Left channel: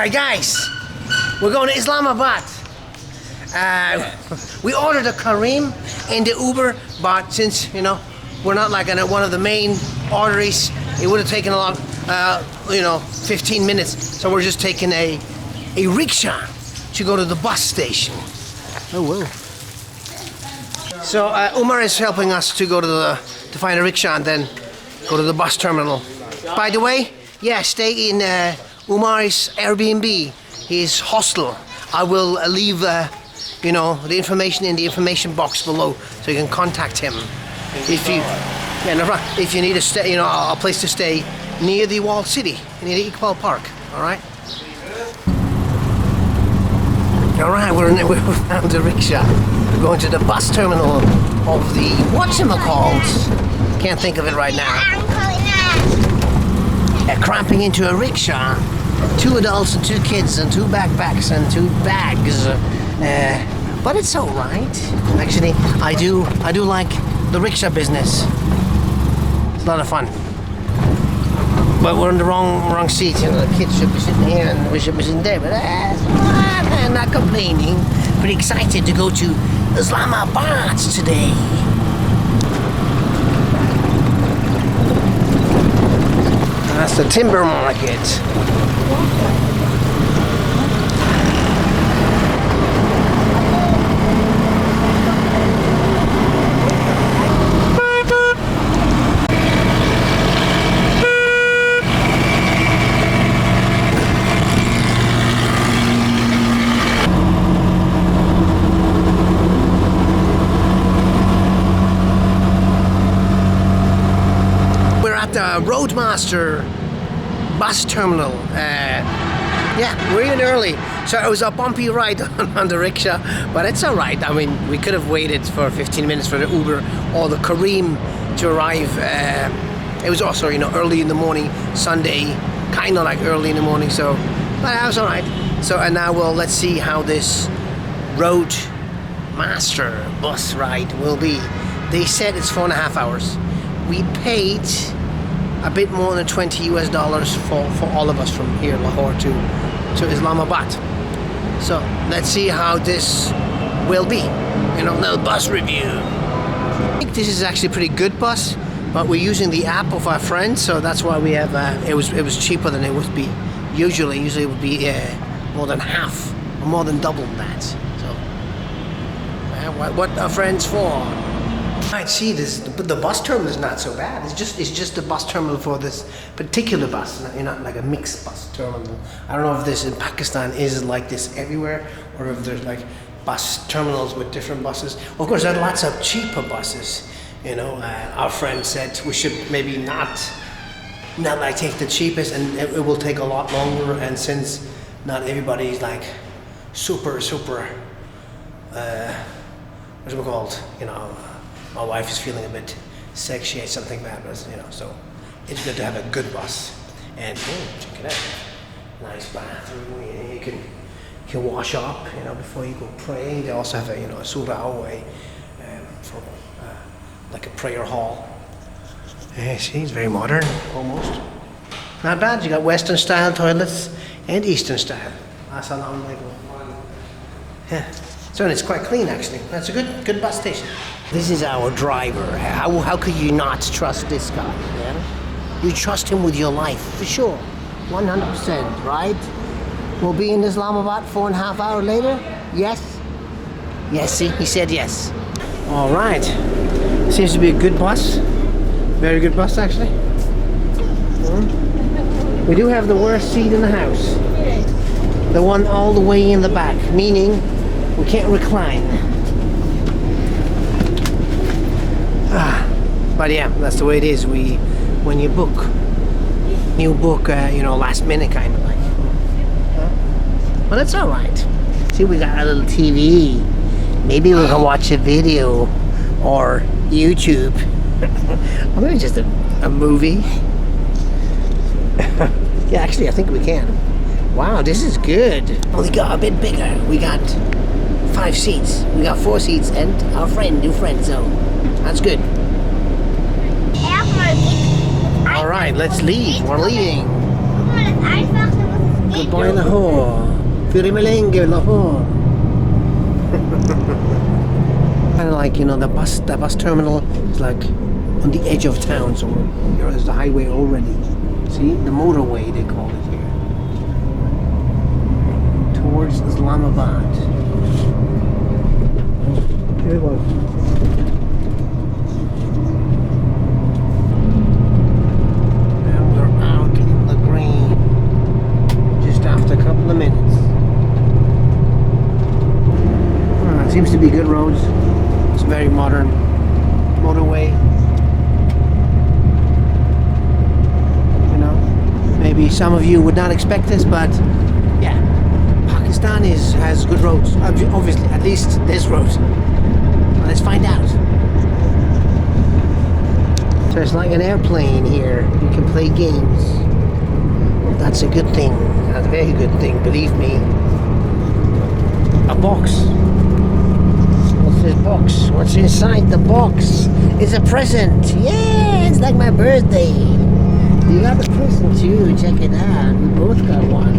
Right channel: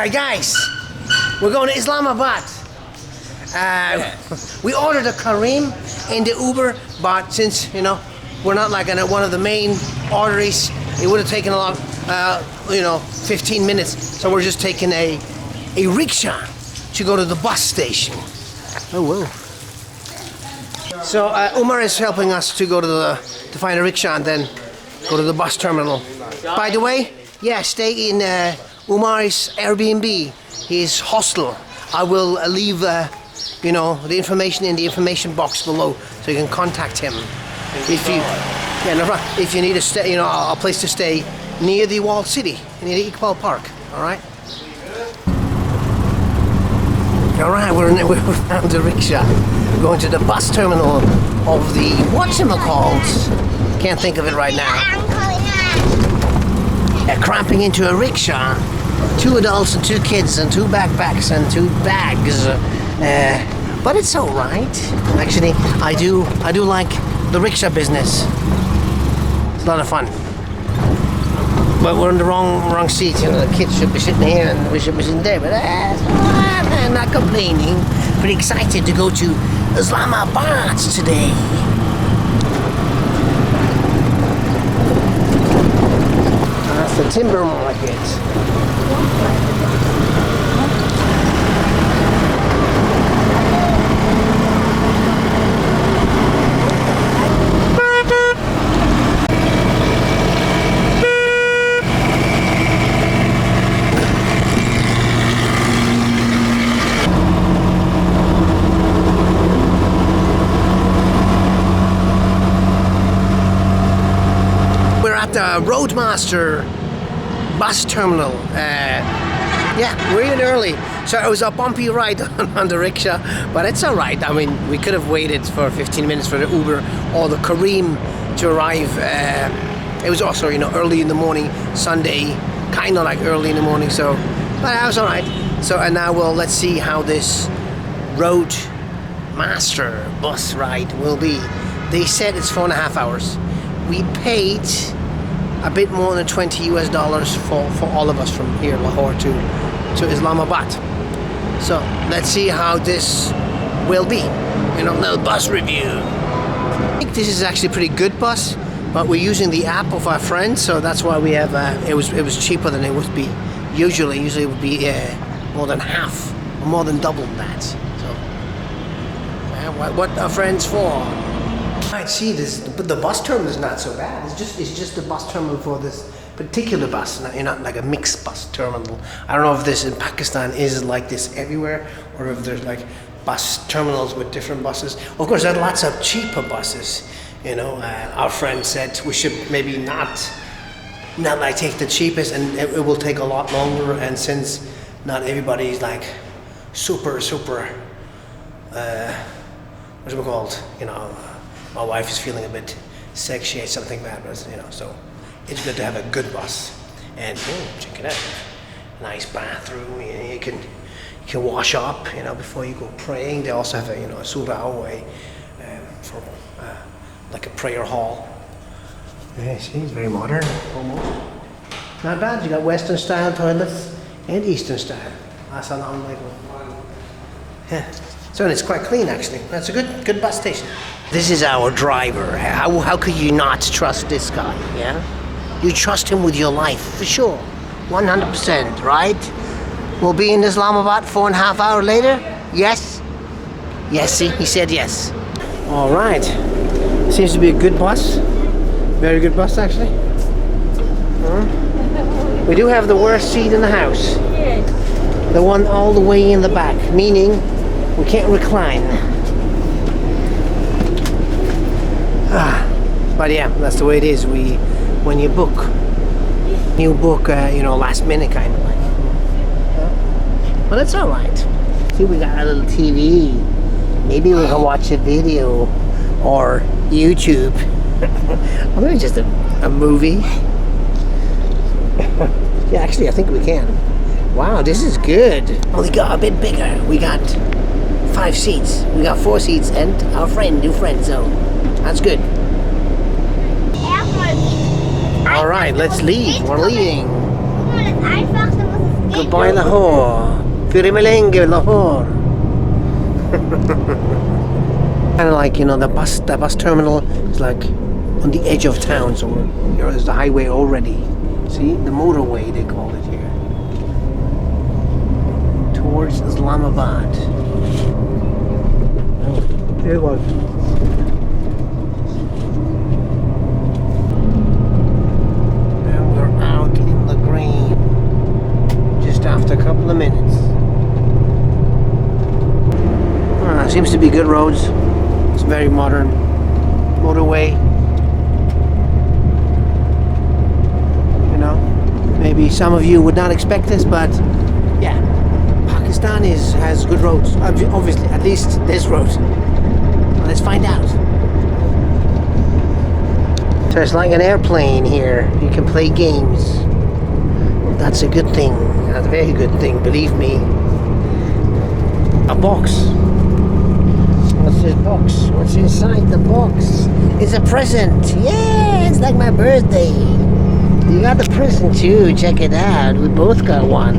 Hi guys, we're going to Islamabad. We ordered a Kareem in the Uber, but since we're not like one of the main arteries, it would have taken a lot, 15 minutes. So we're just taking a rickshaw to go to the bus station. Oh whoa! So Umair is helping us to go to find a rickshaw and then go to the bus terminal. By the way, yeah, stay in Umair's Airbnb, his hostel. I will leave the information in the information box below, so you can contact him if you need to stay, a place to stay near the walled city, near the Iqbal Park. All right. All right, we found a rickshaw. We're going to the bus terminal of the whatchamacallit. Can't think of it right now. Cramping into a rickshaw. 2 adults and 2 kids and 2 backpacks and 2 bags. But it's all right. Actually, I do like the rickshaw business. It's a lot of fun. But we're in the wrong seat. The kids should be sitting here and we should be sitting there. But I'm not complaining. Pretty excited to go to Islamabad today. That's the timber market. We're at the Roadmaster bus terminal. Yeah, we're in early, so it was a bumpy ride on the rickshaw, but it's all right. I mean, we could have waited for 15 minutes for the Uber or the Kareem to arrive. It was also, early in the morning, Sunday, kind of like early in the morning. So, but that was all right. So, and now let's see how this Roadmaster bus ride will be. They said it's 4.5 hours. We paid a bit more than $20 for all of us from here, Lahore to Islamabad. So let's see how this will be. Little bus review. I think this is actually a pretty good bus, but we're using the app of our friend, so that's why we have. It was cheaper than it would be usually. Usually it would be more than half, or more than double that. So what are friends for? I see this, but the bus terminal is not so bad. It's just the bus terminal for this particular bus, not like a mixed bus terminal. I don't know if this in Pakistan is like this everywhere, or if there's like bus terminals with different buses. Of course, there are lots of cheaper buses. Our friend said we should maybe not like take the cheapest, and it will take a lot longer. And since not everybody is like super, what's it called? My wife is feeling a bit sick. She ate something bad, so it's good to have a good bus. And check it out, nice bathroom. You can wash up, before you go praying. They also have a surah way for like a prayer hall. Yeah, see, it's very modern, almost. Not bad. You got Western style toilets and Eastern style. Assalamu alaikum. Yeah. So it's quite clean, actually. That's a good bus station. This is our driver. How could you not trust this guy? Yeah, you trust him with your life for sure, 100%, right? We'll be in Islamabad 4.5 hours later. Yes. Yes. See, he said yes. All right. Seems to be a good bus. Very good bus, actually. We do have the worst seat in the house. The one all the way in the back, meaning we can't recline. But yeah, that's the way it is. When you book, last minute kind of like. But it's all right. See, we got a little TV. Maybe we can watch a video or YouTube, or maybe just a movie. Yeah, actually, I think we can. Wow, this is good. Only got a bit bigger. We got 5 seats. We got 4 seats and our new friend zone. That's good. All right, let's leave. We're leaving. Goodbye Lahore. Firi Melengue, Lahore. Kind of like, you know, the bus terminal is like on the edge of town, so there's the highway already. See, the motorway they call it here. Towards Islamabad. Here it was. And we're out in the green just after a couple of minutes. Seems to be good roads. It's very modern motorway. You know, maybe some of you would not expect this, but yeah, Pakistan has good roads. Obviously, at least this road. Let's find out. So it's like an airplane here. You can play games. That's a good thing. That's a very good thing, believe me. A box. What's this box? What's inside the box? It's a present. Yeah, it's like my birthday. You got the present too. Check it out. We both got one.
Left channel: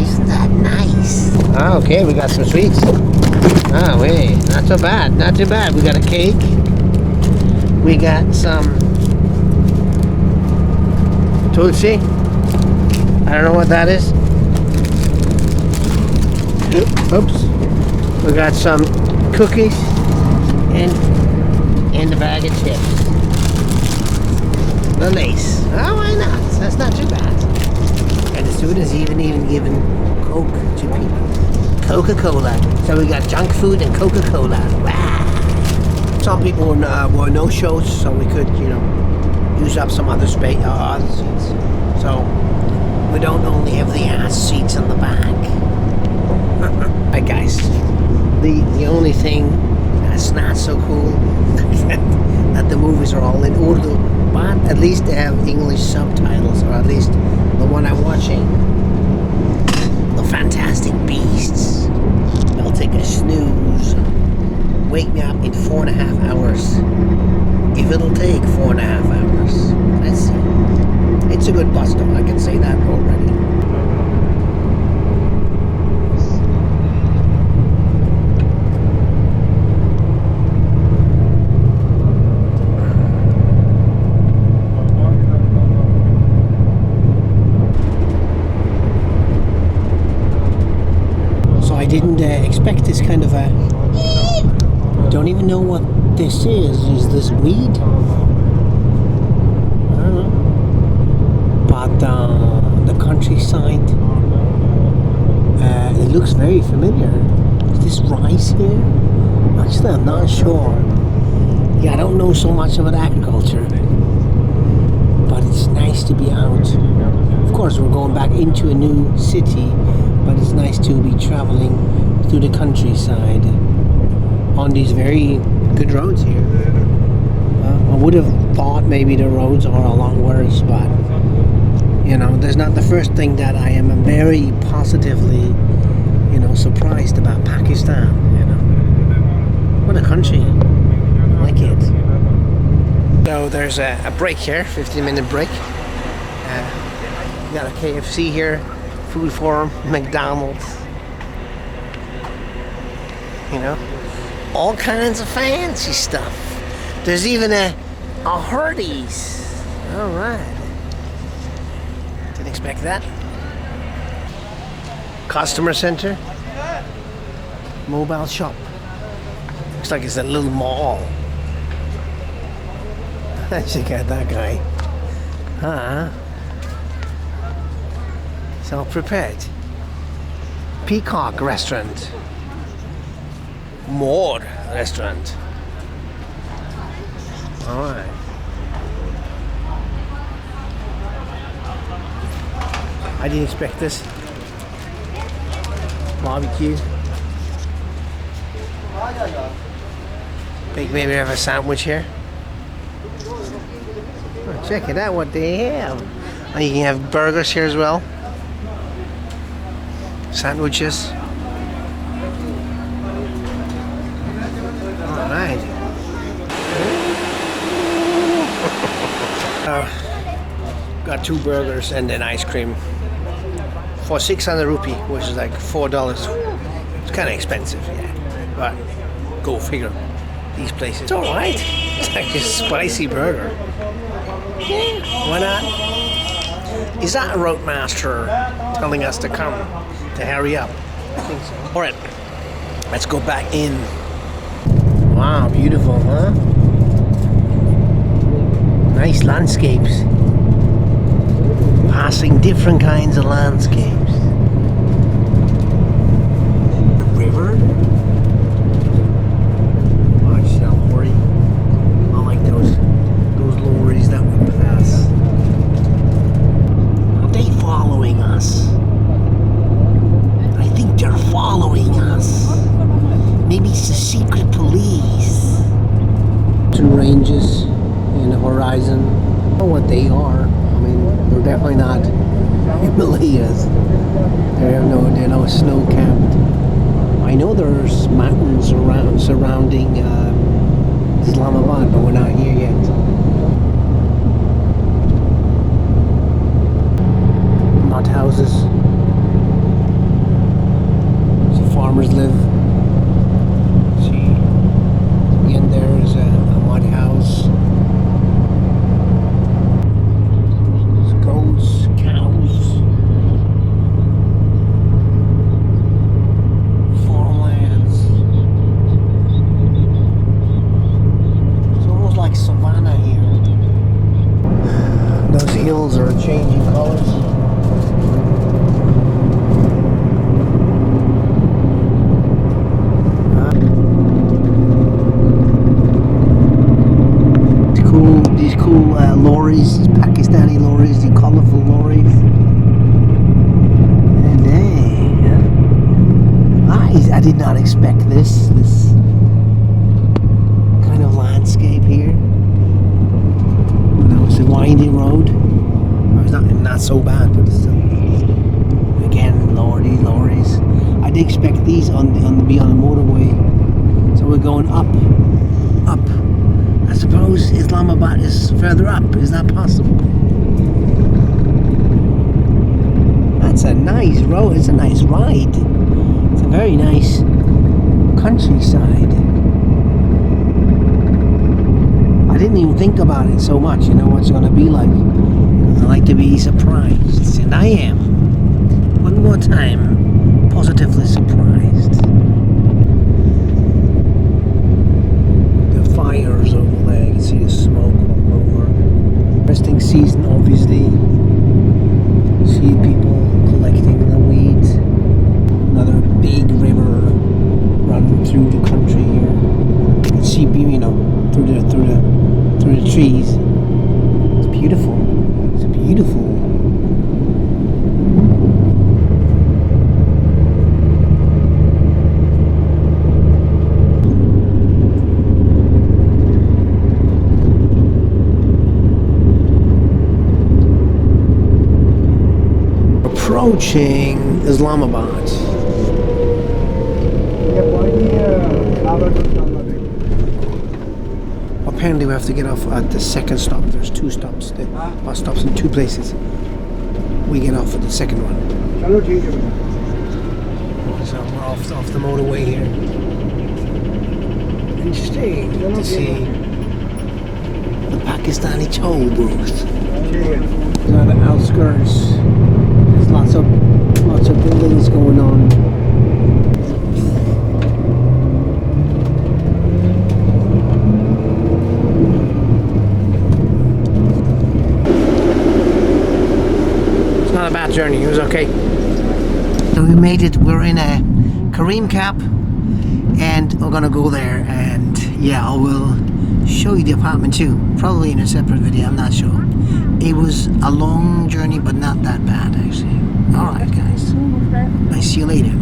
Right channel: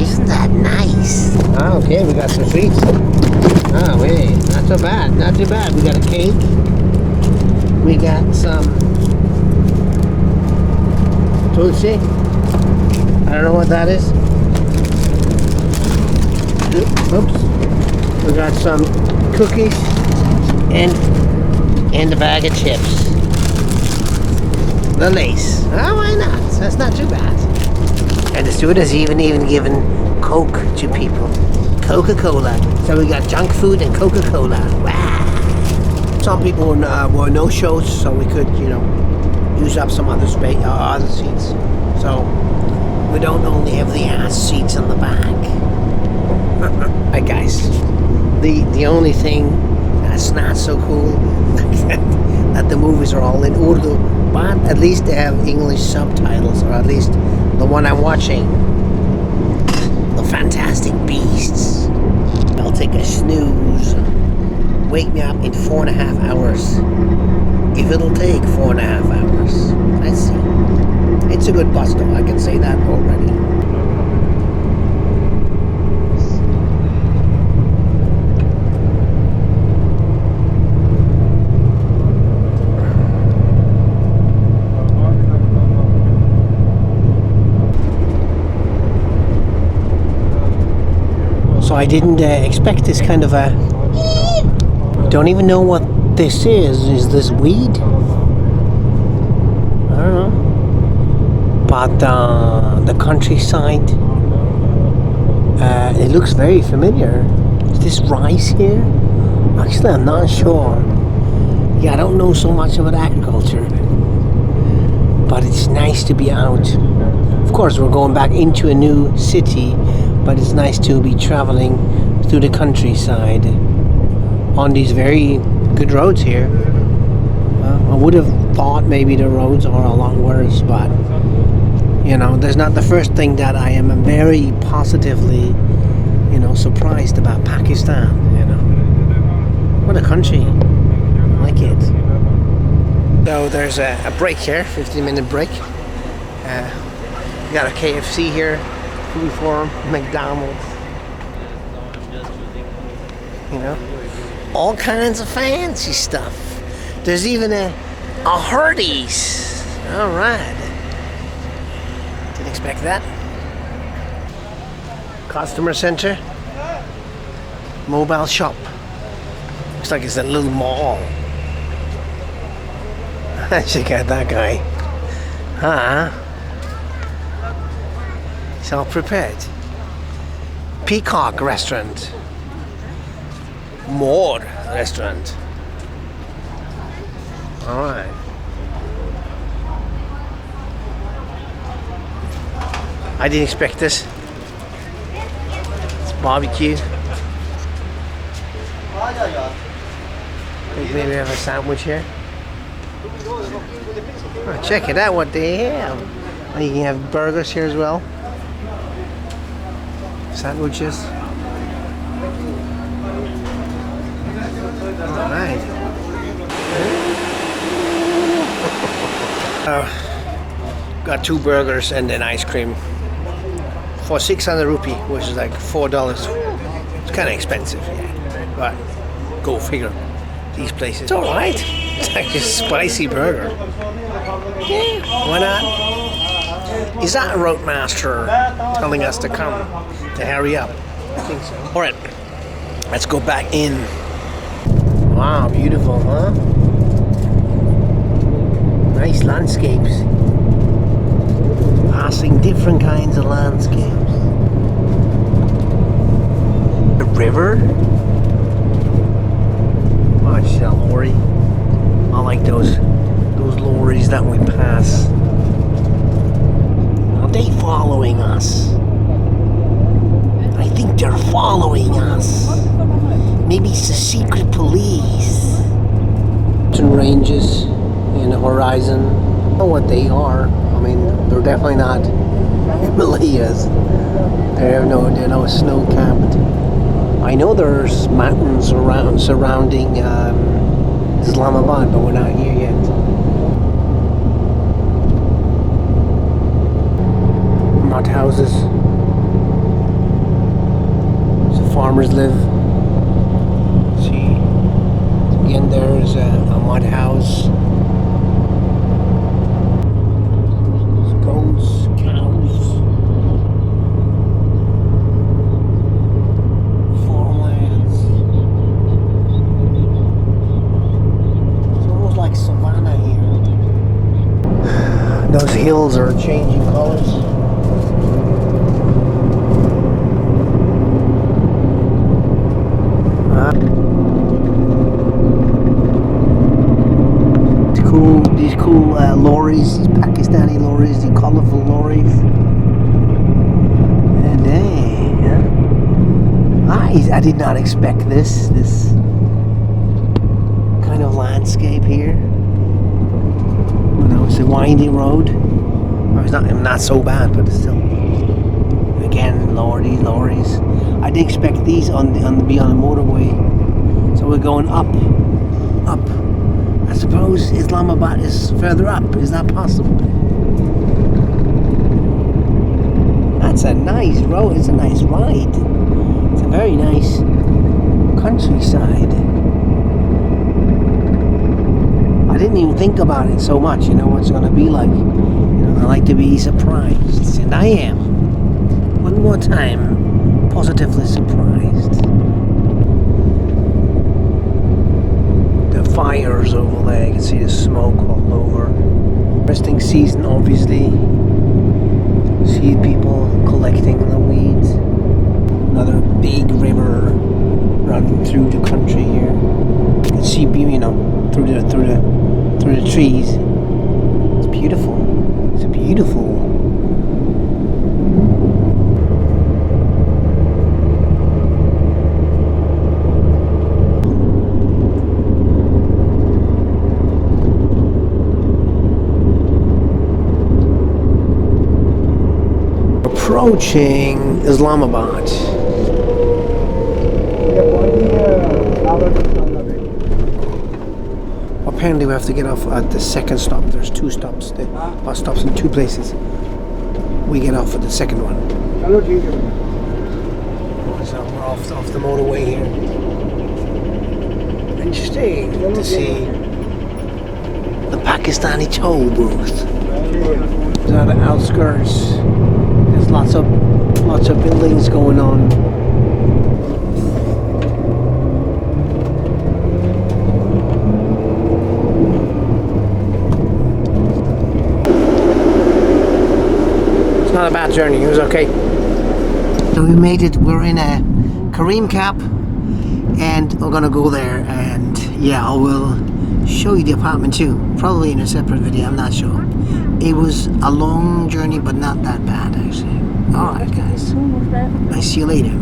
Isn't that nice? Oh, okay, we got some sweets. Oh, wait. Not so bad. Not too bad. We got a cake. We got some Tulsi. I don't know what that is. Oops. We got some cookies and a bag of chips. The lace. Oh, why not? That's not too bad. And the steward has even given Coke to people. Coca-Cola. So we got junk food and Coca-Cola. Wow. Some people were no-shows, so we could, you know, use up some other space, other seats. So we don't only have the ass seats in the back. Alright, guys. The only thing that's not so cool that the movies are all in Urdu, but at least they have English subtitles, or at least the one I'm watching, The Fantastic Beasts. I'll take a snooze. Wake me up in 4.5 hours. If it'll take 4.5 hours. Let's see. It's a good bus though, I can say that already. So I didn't expect this kind of a... Don't even know what this is. Is this weed? I don't know. But the countryside, it looks very familiar. Is this rice here? Actually, I'm not sure. Yeah, I don't know so much about agriculture. But it's nice to be out. Of course, we're going back into a new city, but it's nice to be traveling through the countryside on these very good roads here. I would have thought maybe the roads are a lot worse, but you know, there's not the first thing that I am very positively, you know, surprised about Pakistan. You know, what a country. I like it. So there's a break here, 15-minute break. We got a KFC here. Food Forum, McDonald's, you know, all kinds of fancy stuff. There's even a Hardee's. All right, didn't expect that. Customer center, mobile shop. Looks like it's a little mall. Check out that guy, huh? Self-prepared. Peacock restaurant. More restaurant. Alright. I didn't expect this. It's barbecue. Think maybe we have a sandwich here. Oh, check it out what they have. And you can have burgers here as well. Sandwiches. Alright. Got 2 burgers and an ice cream for 600 rupee, which is like $4. It's kind of expensive, yeah. But go figure. These places. It's alright. It's like a spicy burger. Yeah, why not? Is that a roadmaster telling us to come? To hurry up? I think so. Alright, let's go back in. Wow, beautiful, huh? Nice landscapes. Passing different kinds of landscapes. The river. Watch that lorry. I like those lorries that we pass. Are they following us? I think they're following us. Maybe it's the secret police. Mountain ranges in the horizon. I don't know what they are. I mean, they're definitely not Himalayas. They're no snow capped. I know there's mountains surrounding Islamabad, but we're not here yet. Mud houses. So farmers live. See, again there's a mud house. Goats, cows, farmlands. It's almost like savanna here. Those hills are changing colors. These cool lorries, these Pakistani lorries, the colorful lorries. And hey, yeah. I did not expect this kind of landscape here. It's a windy road. It's not so bad, but it's still. Again, these lorries. I didn't expect these to be on the motorway. So we're going up. I suppose Islamabad is further up. Is that possible? That's a nice road. It's a nice ride. It's a very nice countryside. I didn't even think about it so much, what it's going to be like. I like to be surprised. And I am. One more time, positively surprised. Fires over there, you can see the smoke all over. Resting season, obviously. See people collecting the weeds. Another big river running through the country here. You can see, through the trees. It's beautiful. It's beautiful. Approaching Islamabad. Apparently we have to get off at the second stop. There's two stops, the bus stops in two places. We get off at the second one. So we're off the motorway here. Interesting to see the Pakistani toll booth. These are the outskirts. There's lots of buildings going on. It's not a bad journey. It was okay. So we made it. We're in a Kareem cab, and we're gonna go there. And yeah, I will show you the apartment too. Probably in a separate video. I'm not sure. It was a long journey, but not that bad actually. Alright guys, I'll see you later.